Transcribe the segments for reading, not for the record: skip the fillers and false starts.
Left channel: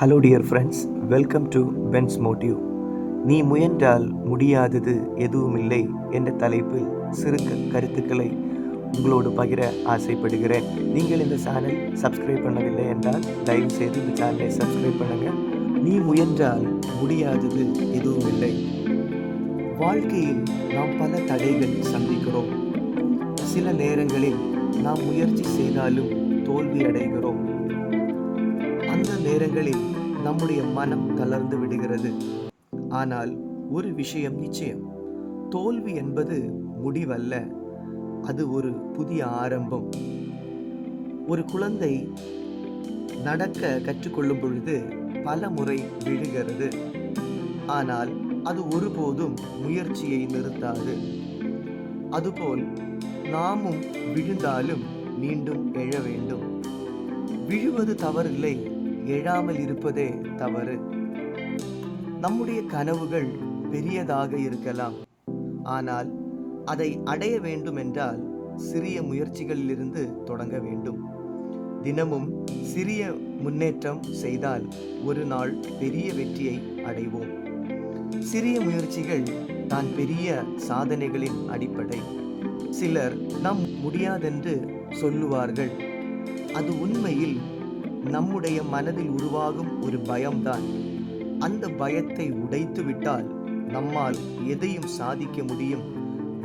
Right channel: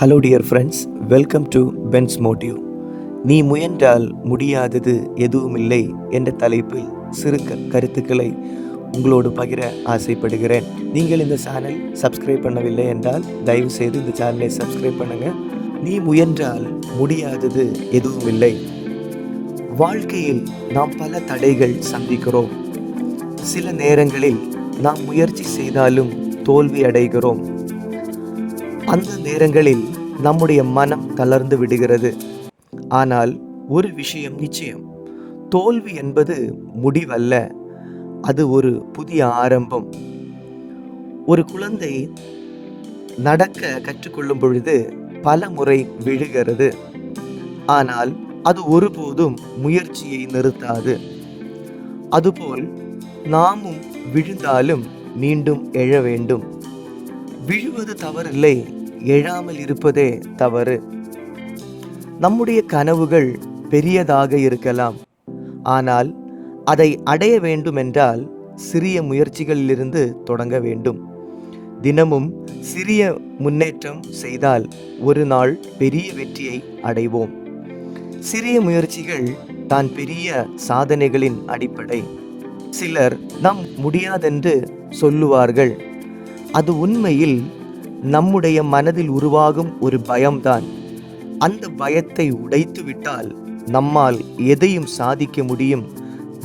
Hello dear friends, welcome to Bens Motive. நீ முயன்றால் முடியாதது எதுவுமில்லை என்ற தலைப்பில் சிறு கருத்துக்களை உங்களோடு பகிர ஆசைப்படுகிறேன். நீங்கள் இந்த சேனல் சப்ஸ்கிரைப் பண்ணவில்லை என்றால் தயவு செய்து இந்த சேனலை சப்ஸ்கிரைப் பண்ணுங்கள். நீ முயன்றால் முடியாதது எதுவுமில்லை. வாழ்க்கையில் நாம் பல தடைகள் சந்திக்கிறோம். சில நேரங்களில் நாம் முயற்சி செய்தாலும் தோல்வி அடைகிறோம். அந்த நேரங்களில் நம்முடைய மனம் தளர்ந்து விடுகிறது. ஆனால் ஒரு விஷயம் நிச்சயம், தோல்வி என்பது முடிவல்ல, அது ஒரு புதிய ஆரம்பம். ஒரு குழந்தை நடக்க கற்றுக்கொள்ளும் பொழுது பல முறை விழுகிறது. ஆனால் அது ஒருபோதும் முயற்சியை நிறுத்தாது. அதுபோல் நாமும் விழுந்தாலும் மீண்டும் எழ வேண்டும். விழுவது தவறில்லை, எழாமல் இருப்பதே தவறு. நம்முடைய கனவுகள் பெரியதாக இருக்கலாம். ஆனால் அதை அடைய வேண்டுமென்றால் சிறிய முயற்சிகளிலிருந்து தொடங்க வேண்டும். தினமும் சிறிய முன்னேற்றம் செய்தால் ஒரு நாள் பெரிய வெற்றியை அடைவோம். சிறிய முயற்சிகள் தான் பெரிய சாதனைகளின் அடிப்படை. சிலர் நாம் முடியாதென்று சொல்லுவார்கள். அது உண்மையில் நம்முடைய மனதில் உருவாகும் ஒரு பயம்தான். அந்த பயத்தை உடைத்து விட்டால் நம்மால் எதையும் சாதிக்க முடியும்.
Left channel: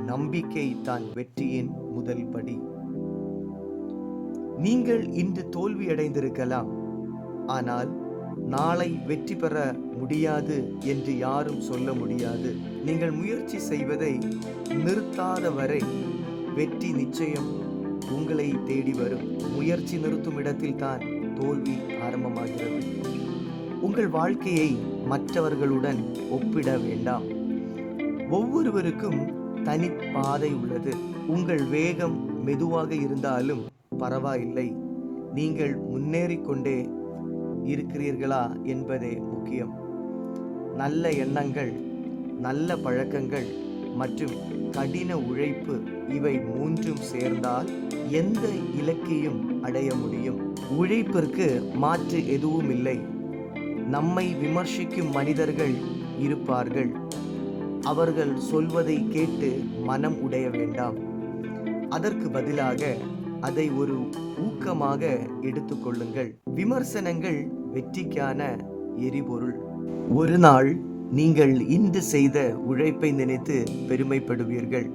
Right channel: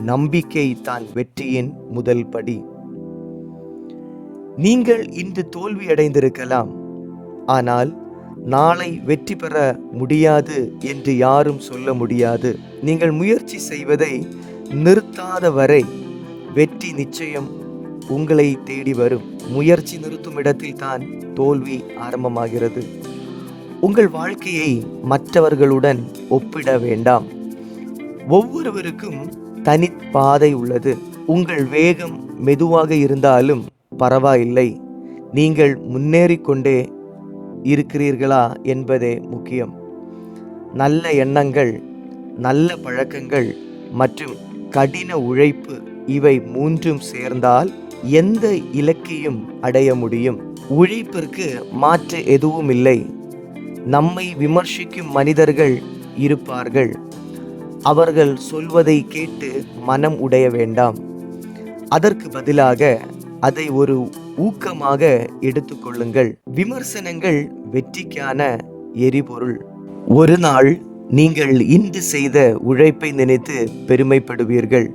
நம்பிக்கை தான் வெற்றியின் முதல் படி. நீங்கள் இன்று தோல்வி அடைந்திருக்கலாம், ஆனால் நாளை வெற்றி பெற முடியாது என்று யாரும் சொல்ல முடியாது. நீங்கள் முயற்சி செய்வதை நிறுத்தாத வரை வெற்றி நிச்சயம் உங்களை தேடி வரும். முயற்சி நிறுத்தும் இடத்தில் தான் தோல்வி ஆரம்பமாகிறது. உங்கள் வாழ்க்கையை மற்றவர்களுடன் ஒப்பிட வேண்டாம். ஒவ்வொருவருக்கும் தனி பாதை உள்ளது. உங்கள் வேகம் மெதுவாக இருந்தாலும் பரவாயில்லை, நீங்கள் முன்னேறிக்கொண்டே இருக்கிறீர்களா என்பதே முக்கியம். நல்ல எண்ணங்கள், நல்ல பழக்கங்கள் மற்றும் கடின உழைப்பு, இவை மூன்றும் சேர்ந்தால் எந்த இலக்கையும் அடைய முடியும். உழைப்பிற்கு மாற்று எதுவும் இல்லை. நம்மை விமர்சிக்கும் மனிதர்கள் இருப்பார்கள். அவர்கள் சொல்வதை கேட்டு மனம் உடைய வேண்டாம். அதற்கு பதிலாக அதை ஒரு ஊக்கமாக எடுத்துக்கொள்ளுங்கள். விமர்சனங்கள் வெற்றிக்கான எரிபொருள். ஒரு நாள் நீங்கள் இன்று செய்த உழைப்பை நினைத்து பெருமைப்படுவீர்கள்.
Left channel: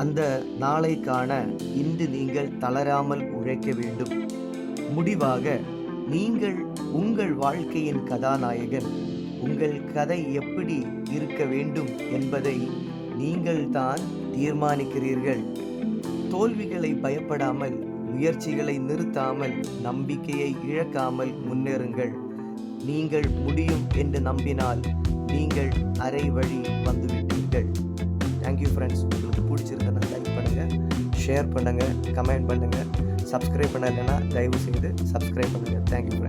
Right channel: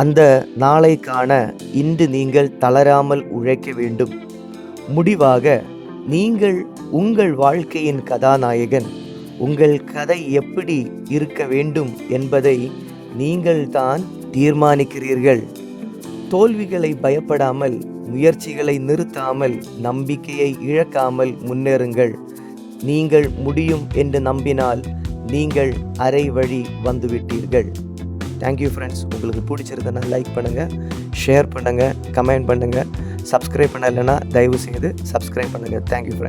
அந்த நாளை காண இன்று நீங்கள் தளராமல் உழைக்க வேண்டும். முடிவாக, நீங்கள் உங்கள் வாழ்க்கையின் கதாநாயகன். உங்கள் கதை எப்படி இருக்க வேண்டும் என்பதை நீங்கள் தான் தீர்மானிக்கிறீர்கள். தோல்விகளை பயப்படாமல், முயற்சிகளை நிறுத்தாமல், நம்பிக்கையை இழக்காமல் முன்னேறுங்கள். நீங்கள் முடியும் என்று நம்பினால் நீங்கள் அரை வழி வந்துவிட்டீர்கள். Thank you friends. உங்களுக்கு பிடிச்சிருந்தனா லைக் பண்ணுங்கள், ஷேர் பண்ணுங்கள், கமெண்ட் பண்ணுங்கள். சப்ஸ்கிரைப் பண்ணலைன்னா தயவு செய்து சப்ஸ்கிரைப் பண்ணுங்கள். Thank you friends.